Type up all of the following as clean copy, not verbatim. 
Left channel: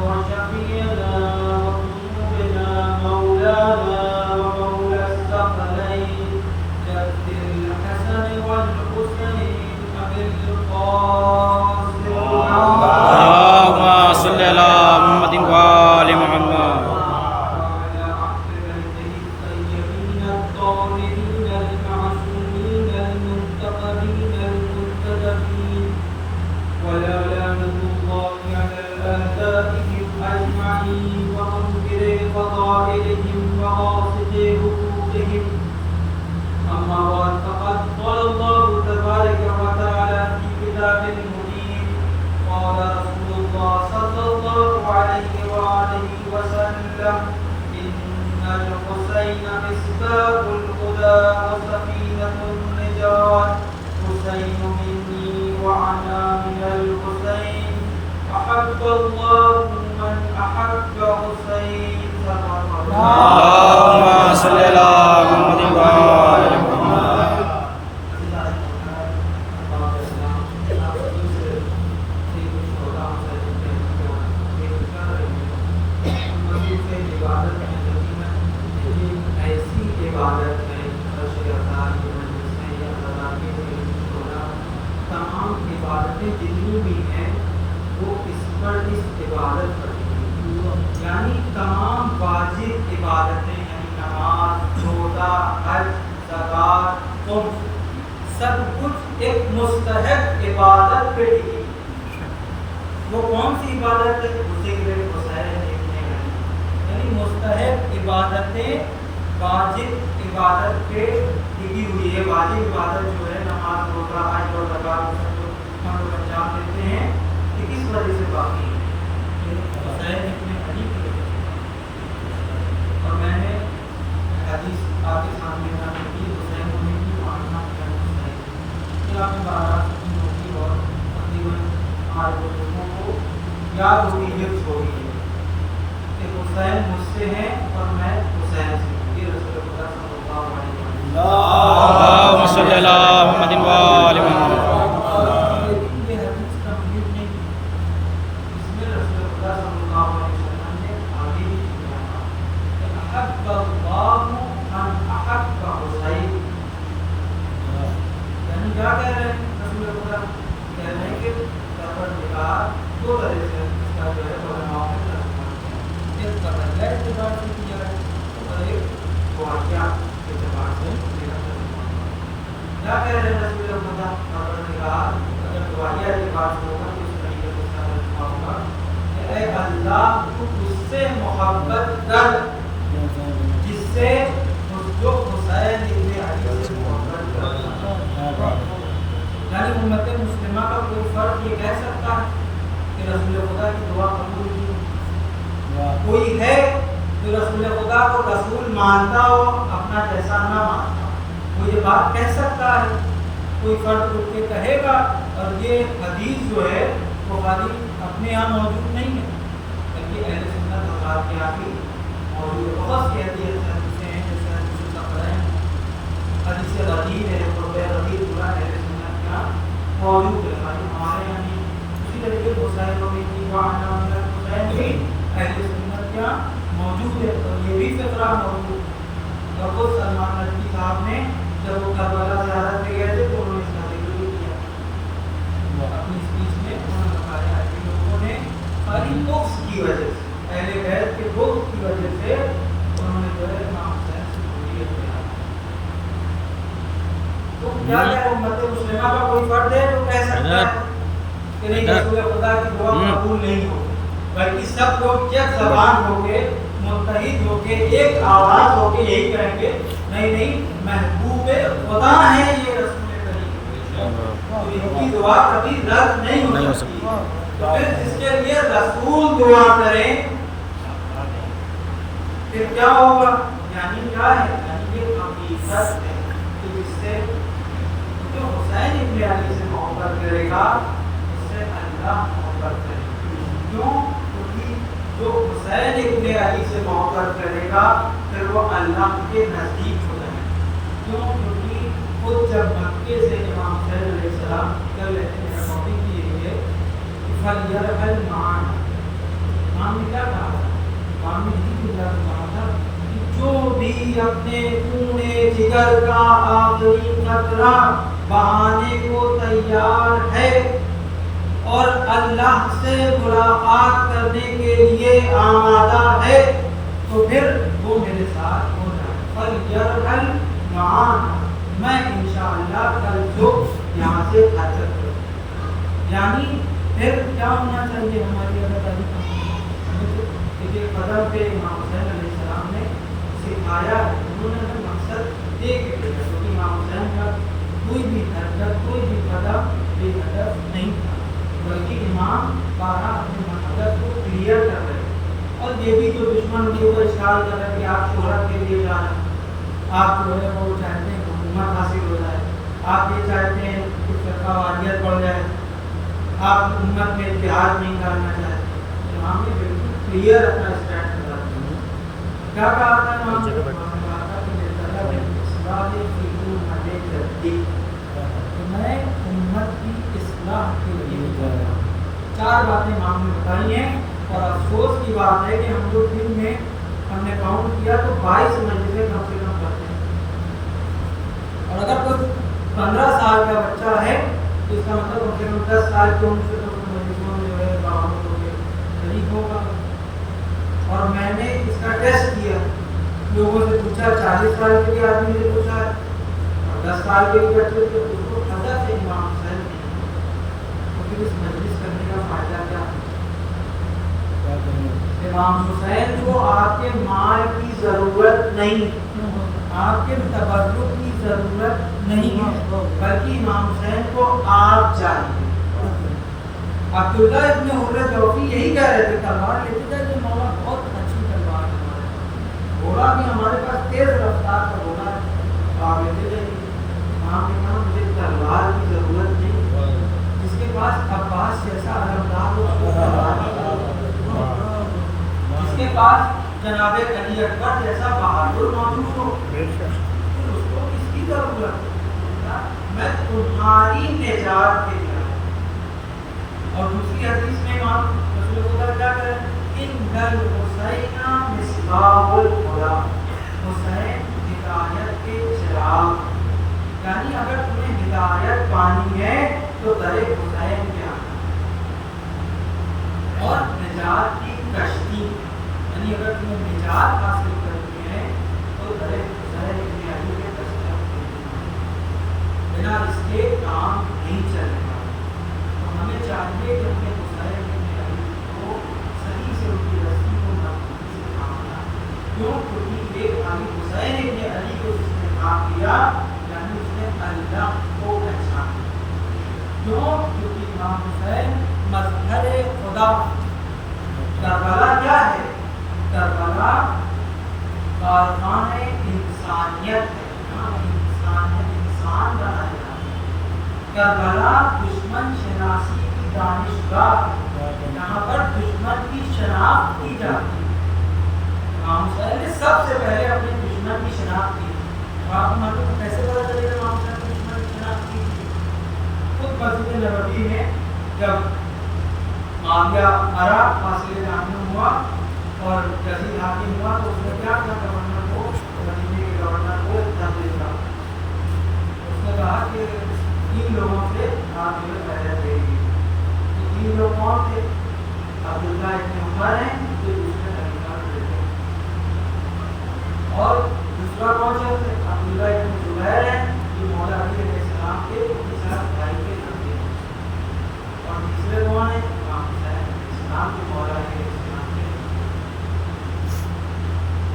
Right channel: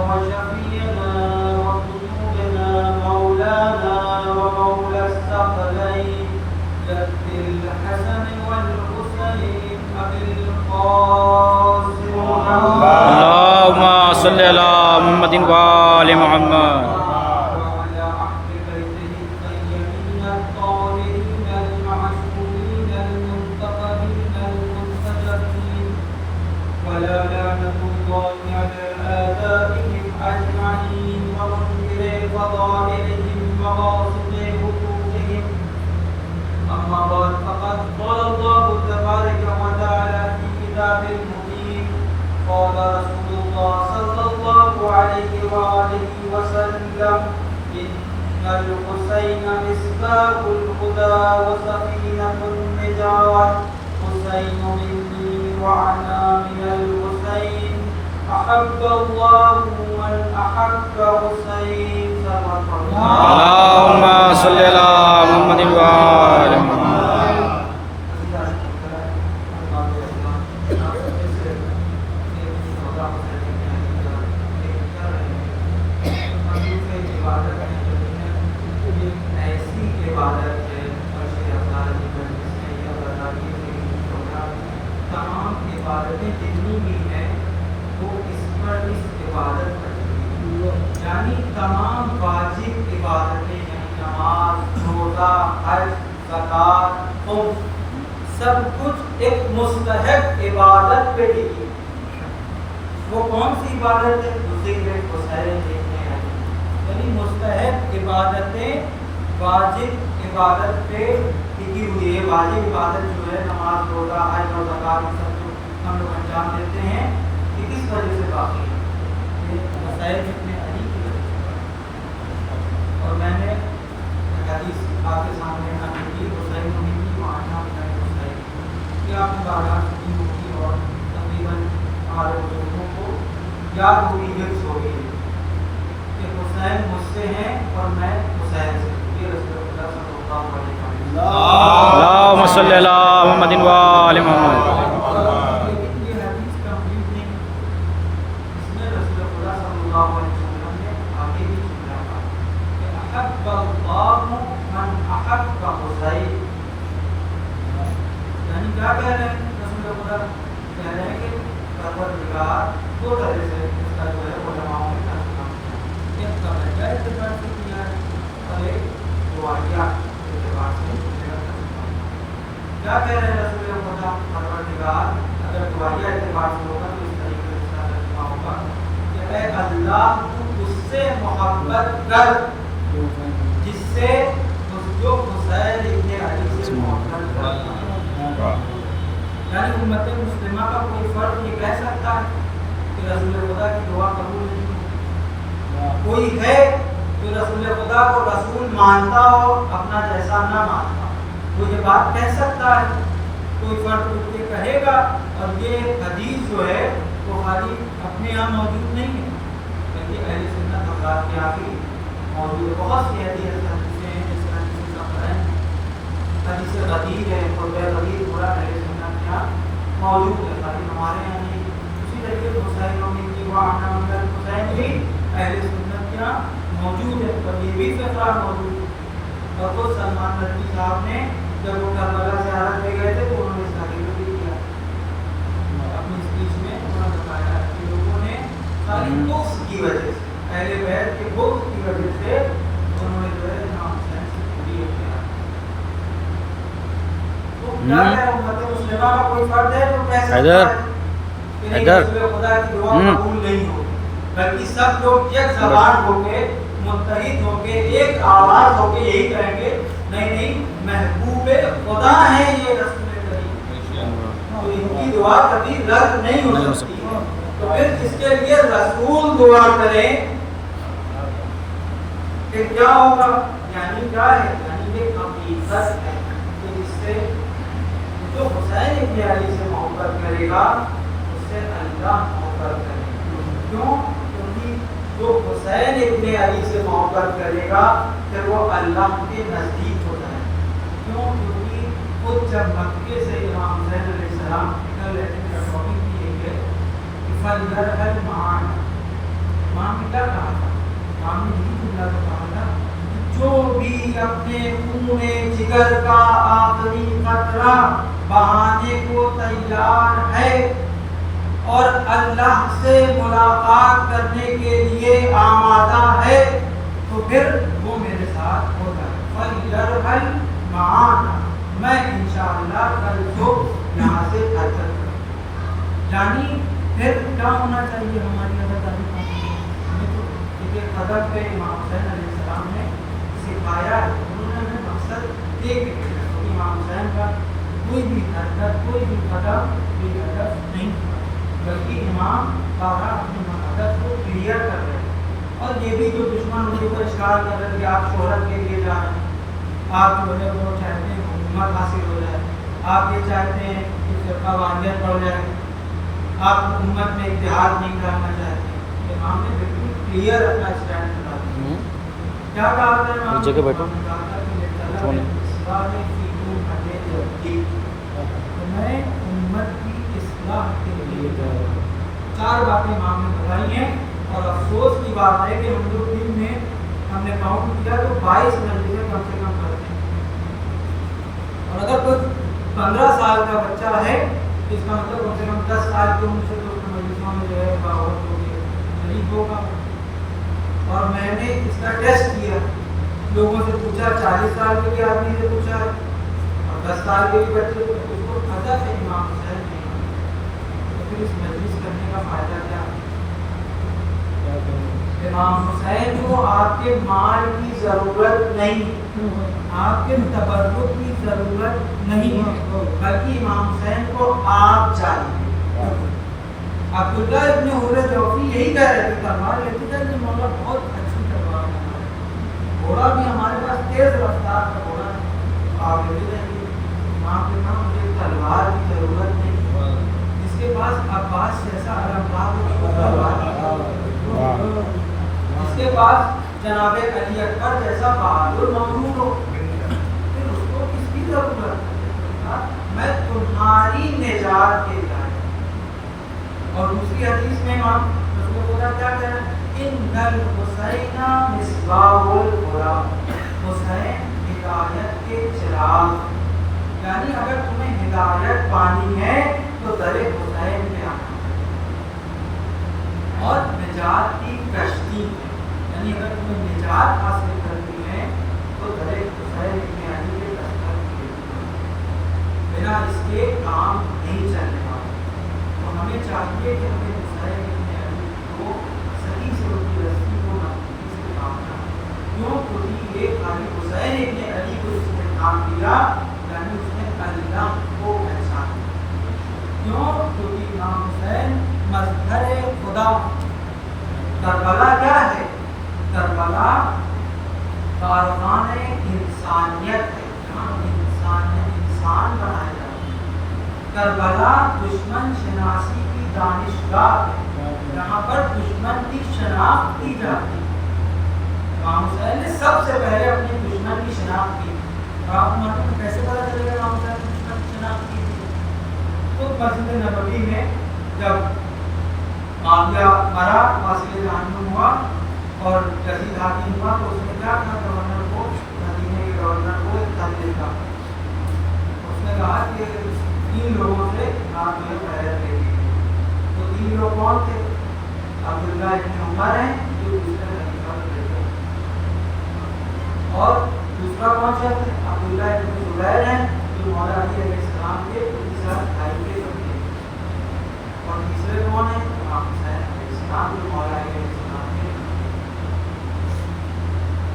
وشفيعنا وقلوبنا مولانا ومولى الثقلين جد الحسن والحسين أبي القاسم اللهم صل على محمد وآل محمد. وعلى أهل بيته الطيبين الطاهرين المعصومين المنتقبين المنتجبين ولا لعنة الله على آبائهم أجمعين ومنكري فضائلهم وغاصبي حقوقهم. أما بعد فقد قال الله تبارك وتعالى في كتابه المبين قال رسول الله صلى الله عليه وآله وسلم إن الحسين مصباح الهدى وسفينة النجاة حسين مني وأنا من الحسين أحب الله من أحب حسين صدق الله. اللهم صل على محمد وآل محمد. تمام عبادتیں جتنی بھی ہیں وہ اس پر اس عبادت پر ہیں، یعنی تمام واجب عبادتیں یعنی نماز، روزہ، حج، زکوٰۃ، خمس سب کچھ ایک مستحب عبادت پہ ٹکی۔ وہ کون سی عبادت ہے؟ ذکر حسین ابن علی، یعنی مستحب عبادتیں واجب عبادت پہ ٹکی ہوئی ہے۔ واجب عبادت جو ہے نماز، روزہ، حج اور زکوٰۃ سب جو ہم لوگ انجام دیتے ہیں یہ کس وجہ سے باقی ہے؟ حسین ابن علی کی وجہ سے۔ اور میں نے حدیث آپ کے سامنے نقل کی، حسین منی وعنا من الحسین، کیا ہم بارات کی ہوتی اور تقریباً ہمارے لوگوں کو یاد ہوگی، حفظ ہوگی ہے کہ حسین مجھ سے ہیں اور میں حسین سے ہوں۔ یہ رسول اللہ صلی اللہ علیہ وسلم اللهم صل على محمد وآل محمد. لیکن یہ حدیث کمپلیٹ نہیں ہے، اس میں رسول اللہ صلی اللہ علیہ وسلم نے آگے بھی سنایا کہ احب اللہ من احب حسین، یعنی کیا کہہ رہے ہیں رسول اللہ؟ کہہ رہے ہیں کہ پروردگار دو طرح سے اس کا جو ہے علماء نے ترجمہ کیا ہے، ایک قبلیہ اعتبار سے کیا ہے اور ایک دعائیہ اعتبار سے میرا ترجمہ ہے۔ کیا کہہ رہے ہیں رسول خدا؟ پروردگار اگر دعائیہ اعتبار سے ہوگا تو اس طریقے سے اس کا ترجمہ ہوگا کہ اے اللہ تو اس سے محبت کر جس سے جو حسین ابن علی سے محبت کرتا ہے۔ یعنی امت مسلمہ کا کوئی فرد یہ کہہ سکتا ہے کہ رسول خدا کی دعا قبول نہیں؟ کوئی ہے جو رسول خدا کو رسول مانتا ہو اپنا جیسا نہ مانتا ہو؟ وہ یہ بات کہہ سکتا ہے؟ کوئی فرد اٹھ کے کہے گا؟ اور یہ حدیث جو ہے وہ خالی اپنے یہاں موجود نہیں ہے بلکہ اہل سنت حضرات کے یہاں بھی موجود ہے۔ بہت سی حدیثیں ہیں جیسے حدیث ثقلین، حدیث غدیر ہے، قرب غدیر پورا اہل سنت کے یہاں موجود ہے، خالی ہمارے یہاں نہیں۔ اسی طریقے حسین منی وعنا من الحسین بھی اہل سنت کے یہاں موجود ہے اور یہ بھی فقرہ موجود ہے۔ اور خود سلمان ندوی صاحب نے جب وہ کربلا زیارت پہ گئے تھے تو انہوں نے اس کا ذکر بھی کیا اپنی اسپیچ میں۔ انہوں نے بتایا کہ لوگوں نے خالی بغض کی وجہ سے، اہل بیت کے بغض کی وجہ سے انہوں نے جو ہے امام حسین سے دوری اختیار کی۔ تو کیا ہے امت مسلمہ کا کوئی فرد ہے جو کہہ سکتا ہے کہ نہیں رسول خدا کی دعا قبول نہیں ہوگی، بلکہ سب لوگ یک زبان ہو کے متحد ہو کے ایک آواز ہو کے یہی کہیں گے نہیں نہیں محبوب خدا ہے یہ رسول کریم، تو ان کی دعا کبھی رد نہیں ہو سکتی۔ تو پھر جس کے لیے رسول دعا کریں کہ کیا ہوگا؟ یعنی کیا ہے؟ یعنی یہ حقیقت ہے کہ جس سے جو حسین ابن علی سے محبت کرے گا اس سے اللہ محبت کرے گا۔ کیوں؟ کیونکہ جو حسین ابن علی سے محبت کرے گا پھر وہ اللہ کے نزدیک ہو جائے گا۔ کیوں؟ کیونکہ خود جب مکے سے امام حسین علیہ السلام نکل رہے تھے، میرا ٹاپک یہی ہے کہ فَلْيَرْحَلْ مَعَانَا، دیگر کا آخری قطرہ بہانے کو تیار ہے اور اللہ سے ملاقات کرنے کے لیے آمادہ ہے تو پھر وہ میرے ساتھ ہو جائے. فَلْيَرْحَلْ مَعَانَا، میں انشاءاللہ کل صبح یہاں سے حرکت کروں. یعنی پھر کیا ہونا چاہیے ہماری اداکاری کا؟ کیونکہ قدم پہ امام حسین علیہ السلام نے سکھایا، انہوں نے ہمیں مقصد دے کے بھیجا. کیونکہ امام حسین کا کوئی بھی حرکت، کوئی بھی قدم بے ہدف نہیں تھا، بلکہ امام بارہ اپنے ہدف کو کلیئر کر رہے. اور یہ بھی تو دشمن ان کے اوپر اشکال کر رہے کہ آپ شہرت کے لیے جا رہے ہیں، آپ جو ہے وہ چاہتے ہیں حکومت حاصل ہو جائے، آپ یہ چاہتے ہیں کہ فرقہ وانیت بڑھ جائے، آپ حکومت میں اتحاد نہیں کرنا چاہتے. امام نے بالکل کلیئر اپنا اسٹینڈ کیا. کیا کہا تھا امام نے؟ کہا تھا کہ میں امت کی اصلاح کے لیے چار باتیں امام نے بتائی ہیں. اور افسوس کی بات ہے کہ ہم لوگ دن میں ہم نے کاؤنٹ کیا تو 22 مجلسیں کم سے کم پڑھتے ہیں. اور اگر کوئی 15 سال کا بچہ ہے تو اس کا مطلب کم سے کم 10 سال کی عمر سے تو اس مجلسوں میں جو ہے باوجود ہو گئے قریب ہوگا. اور میں نے اس کا ٹیسٹ کیا، لوگوں سے پوچھا، 40 سال کے آدمی سے پوچھا اور 10 سال کے بچے سے، اس کو حضرت امام حسین نہیں ہوتا. تو پھر اس مجلس کرنے کا فائدہ کیا؟ امام حسین کو آپ کے مال کی ضرورت نہیں، آپ کے تبرک کی ضرورت نہیں ہے، بلکہ امام حسین کو آپ چاہیے. عبداللہ ابن حر جوفی یہی کہہ رہے تھے، تلوار لیتے تھے کہ مولا بہت اچھی تلوار ہے ہمارے، گھوڑا بھی ہمارے پاس تیز رفتار کا گھوڑا ہے. آپ لیتے تھے کہ امام نے کہا مجھے تلوار کی ضرورت نہیں، جس کے پاس عباس جیسا علمدار اس کو تلوار کی ضرورت ہے، جس کے پاس جناب علی اکبر جیسا بہادر معمول ہو پھر اس کو کس کی ضرورت ہے؟ میں تمہاری نجات کے لیے آیا. اور دوسری حدیث میں امام رسول خدا کیا کہہ رہے ہیں؟ ان الحسین مصباح الہدی، حسین ہدایت کے چراغ. یعنی اگر تمہیں ہدایت پانی ہے تو در حسین میں آنا. اور نجات کی کشتی، یعنی اگر تمہیں نجات حاصل کرنی ہے تو در حسین ابن علی کے دستک میں بنا اس کے کام نہیں چلے گا. تو ہمیں چاہیے کہ ہمیں حسین ابن علی کو صحیح سے ان کی رسی کو مضبوطی سے کامنا. کیوں؟ کیونکہ یہ خالی حسین ابن علی کو جس نے کام کیا یعنی اس نے اللہ کو پہچانا. کیوں؟ کیونکہ امام حسین مظہر خدا. کربلا کیا ہے؟ کربلا کاروان انسانیت ہے، جہاں انسان بنائے جاتے ہیں. کربلا دشمن شناسی کی دانشگاہ ہے، یہاں پر دشمن کی شناخت کی جاتی ہے. امام حسین نے سب سے پہلے اپنے دشمن کی شناخت کی. اور آپ کو معلوم ہے کیسے پتا چلے گا امام حسین کی دشمن کی شناخت کی؟ خود مسجد نبوی میں جب معاویہ مرا، فاصلے جہنم ہوا اور یزید حاکم ہوا تو اس نے کیا کہا گورنر کو، مدینے کے گورنر کو خط لکھا. اس نے کہا کہ 3 لوگوں سے آپ مجھے بیعت دے دیجیے. تو 3 لوگ کون تھے؟ عبداللہ ابن عمر ہیں جو دوسرے خلیفہ تھے، اور دوسرا کون سا ہے؟ عبداللہ ابن زبیر ہیں جو مولا علی علیہ السلام کے بھائی کے لڑکے ہیں. اور تیسرے کون ہیں؟ امام حسین علیہ السلام جو مولا علی علیہ السلام کے.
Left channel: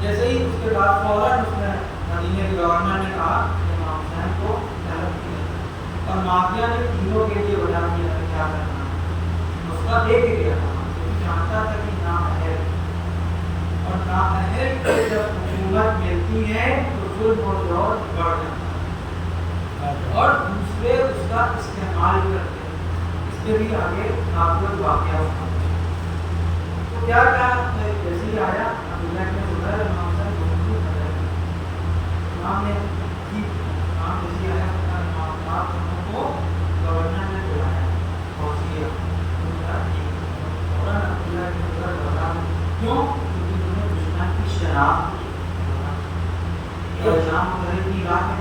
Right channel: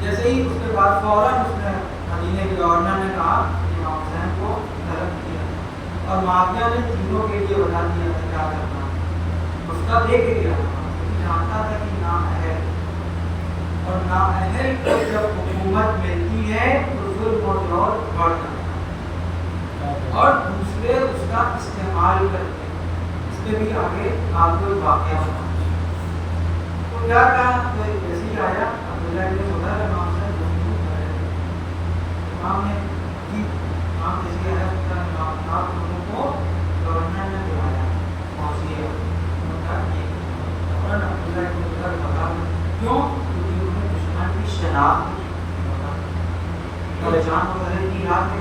جیسے ہی اس کے بعد فوراً اس نے مدینے کے گورنر نے کہا کہ امام حسین کو طلب کیا، اور معاویہ نے تینوں کے لیے بتا دیا کہ کیا کرنا ہے. نسخہ دے کے گیا، جانتا تھا کہ نااہل، اور نااہل کو جب حکومت ملتی ہے تو ظلم و جور بڑھ جاتا ہے اور دوسرے اس کا استعمال کرتے ہیں. اس کے بھی آگے آپ کو واقعہ ہوگا. تو کیا کہا؟ جیسے ہی آیا عبداللہ کے زبیر امام حسین دونوں کر رہے تھے. امام نے امام جیسے آیا آپ دونوں کو گورنر نے بلایا پہنچیے فوراً عبداللہ کے زبیر بتا. کیوں؟ کیونکہ انہوں نے دشمن کی شناخت پہچان وغیرہ کی رات میں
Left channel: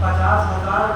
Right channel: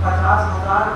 50,000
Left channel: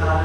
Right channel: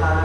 4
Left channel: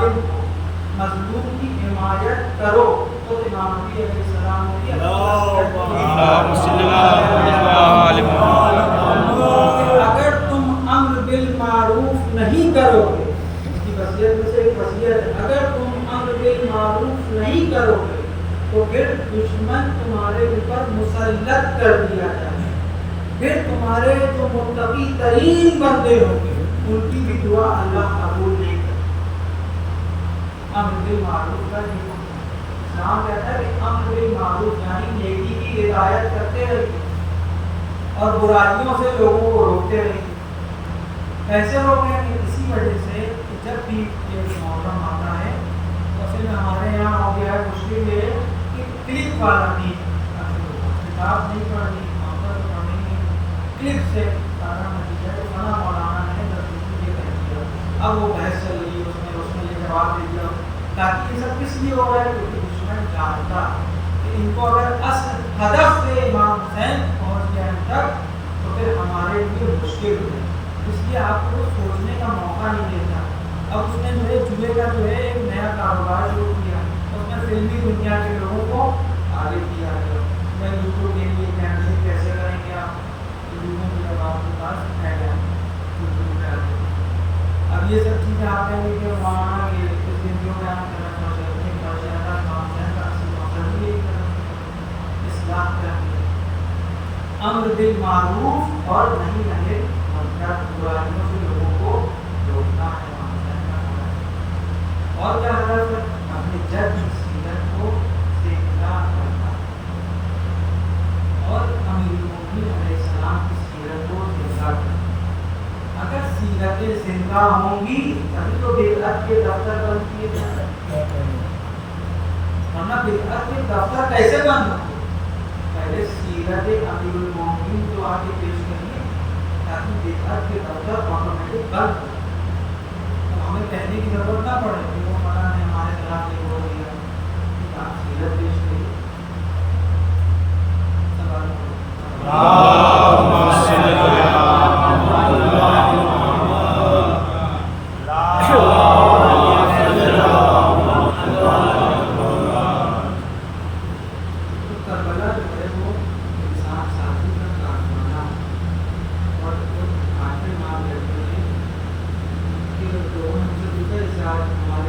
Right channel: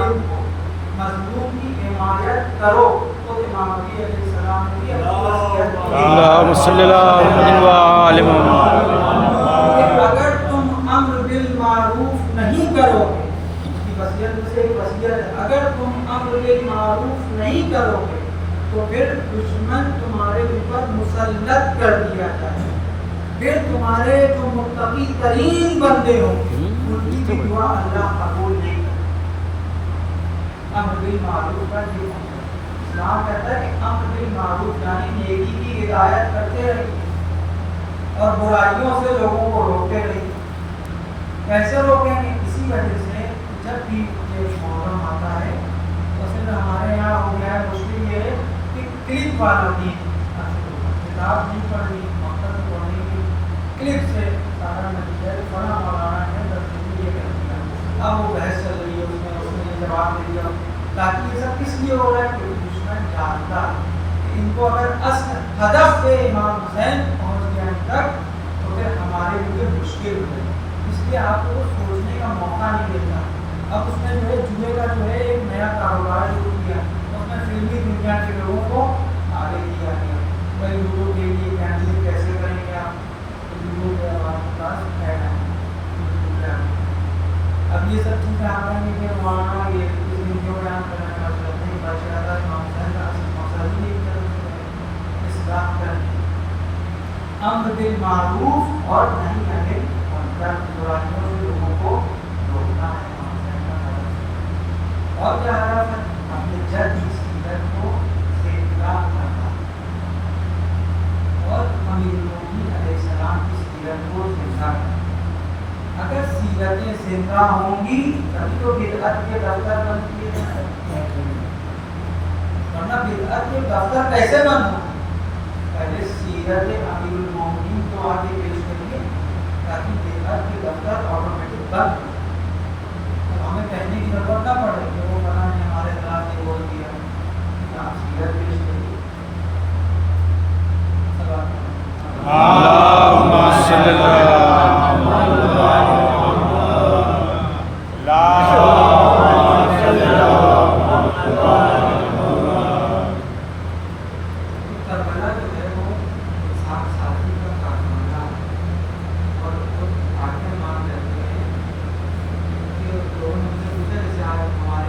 ظالم کو مظلوم کی حمایت کرو تو امام نبی علیہ السلام نے بھی اپنی اللہم صلی اللہ علیہ وسلم کہ اگر تم امر بالمعروف نہیں کرو گے، اس کی وصیت میں سے ایک وصیت ہے، اگر تم امر بالمعروف نہیں کرو گے تو پھر دشمن تمہارے اوپر مسلط کر دیا جائے، پھر تمہارے جو متقی ترین بندے ہوں گے ان کی بھی دعا اللہ قبول نہیں کرتا۔ امر بالمعروف کا یہ اسلام کہتا ہے کہ امر بالمعروف یعنی نیکی کی ہدایت کرتے رہیے اور برائیوں سے لوگوں کو روکتے رہیے۔ کیسے روکیں گے؟ اسی وجہ سے کہ جب بھی یہ محرم آتا ہے تو اصل میں ہمارے یہاں ہو گیا ہے مشکل یہ ہے کہ کلپ والا دین، کتاب نہیں پڑھنی، مکتب پڑھنی، کلپ سے سارا نتیجہ فلاں مولانا نے یہ کہہ دیا، اب وہ بحث چل رہی ہے، اس نے یہ جواب دے دیا، تاکہ یہ سب کس لیے ہو رہا ہے؟ کیونکہ دشمن جانتا ہے کہ ان کو اگر اصل ہدف پہ امام حسین پہنچ گیا ان تک تو پھر ہمارے لیے مشکل ہو جائے، اس لیے آپ کو سوچنے کا موقع نہیں دیتا۔ اب اس نے جو ہے جوئے کا جو ہے ایک نیا کاروبار شروع کیا، اس میں فلمی دنیا کے لوگوں کو آگے کیا گیا، میں لوگوں کے لیے کیمپین کیسے کریں گے آپ، لوگوں کے اب آپ کے پاس پھیلا ہے یوٹیوب پہ آگے۔ اب یہ سب چیزیں آپ کہیں گے کہ مولانا یہ اس ویڈیو میں آپ کرنا چاہتے ہیں، نہیں بادشاہ حسین کا اصل مقصد ہی ایک طرف سے اصلاح کرنا، امر بالمعروف اور نہیں عن المنکر، برائیوں سے لوگوں کو روکنا ہے امام حسین کا ہدف۔ اور کیا ہدف ہے؟ اپنے جد کی سیرت کو زندہ کرنا اور امیر المومنین علیہ السلام کی سیرت کو زندہ کرنا۔ اگر سیرتیں زندہ ہوں گی تبھی تو بدعت کے دفتر بند کیے جائیں، ورنہ بدعت کے دفتر کیسے بند ہوں؟ پہلے سیرت امیر المومنین تو آگے پیش کریے تاکہ بدعت کے دفتر آٹومیٹک بند ہو جائے، اب ہمیں کہنے کی ضرورت نہ پڑے کہ وہ فلاں نے ہمارے خلاف نہیں بول دیا، سیرت پیش کریے۔ اللہم صلی اللہ ہمارے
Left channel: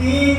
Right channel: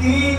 3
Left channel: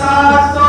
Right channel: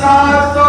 700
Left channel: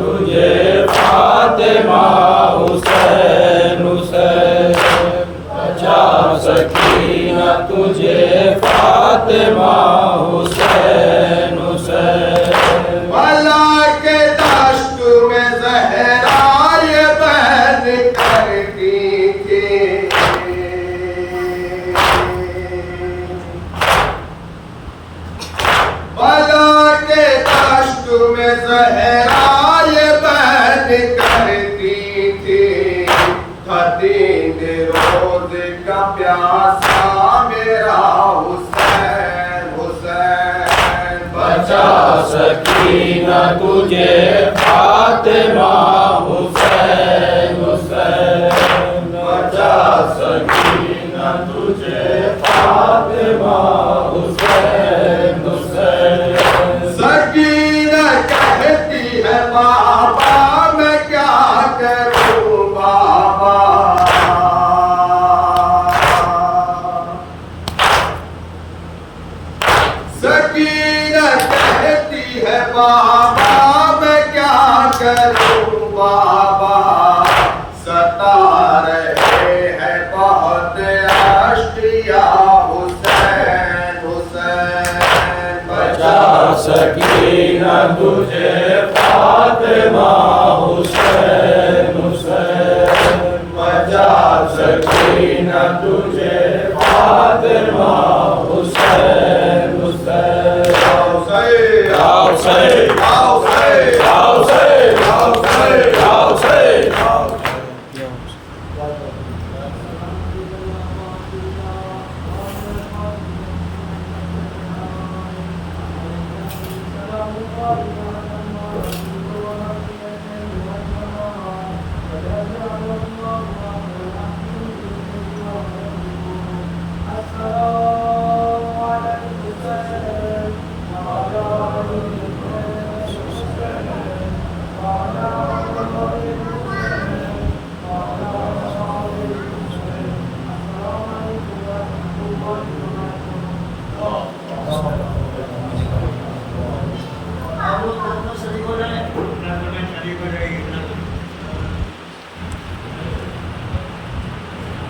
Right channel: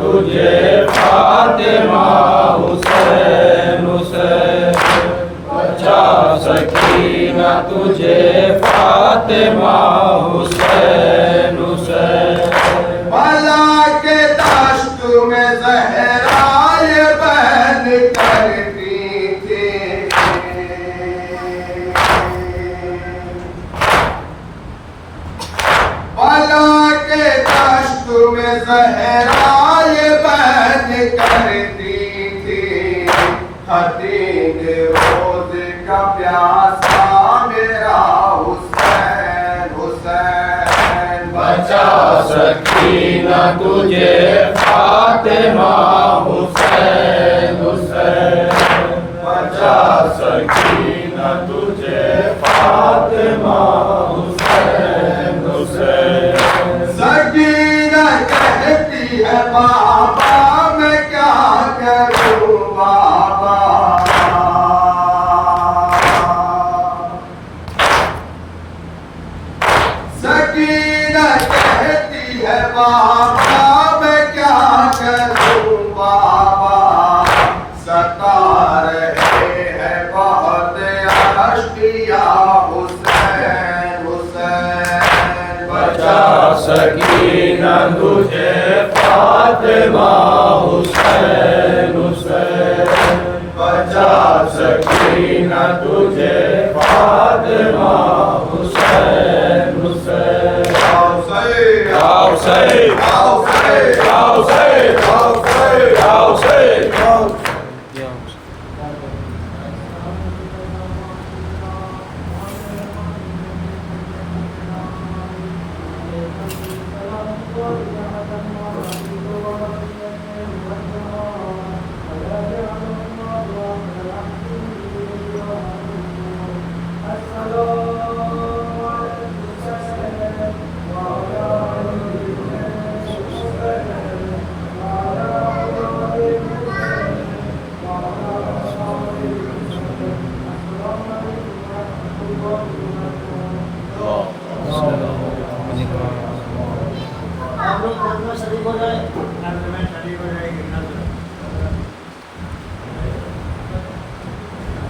تجھے فاطمہ حسین حسین بچا سکینہ تجھے فاطمہ حسین حسین بلا کے دشت میں زہرا یہ بہن کرتی تھی بلا کے دشت میں زہرا یہ بہن کرتی تھی تھا 3 روز کا پیاسا میرا حسین حسین بچا سکینہ تجھے فاطمہ حسین حسین بچا سکینہ تجھے فاطمہ حسین حسین سکینہ کہتی ہے بابا میں کیا کروں بابا سکینہ کہتی ہے بابا میں کیا کروں بابا ستا رہے ہیں بہت اشکیا حسین حسین بچا سکینہ تجھے فاطمہ حسین حسین بچا سکینہ تجھے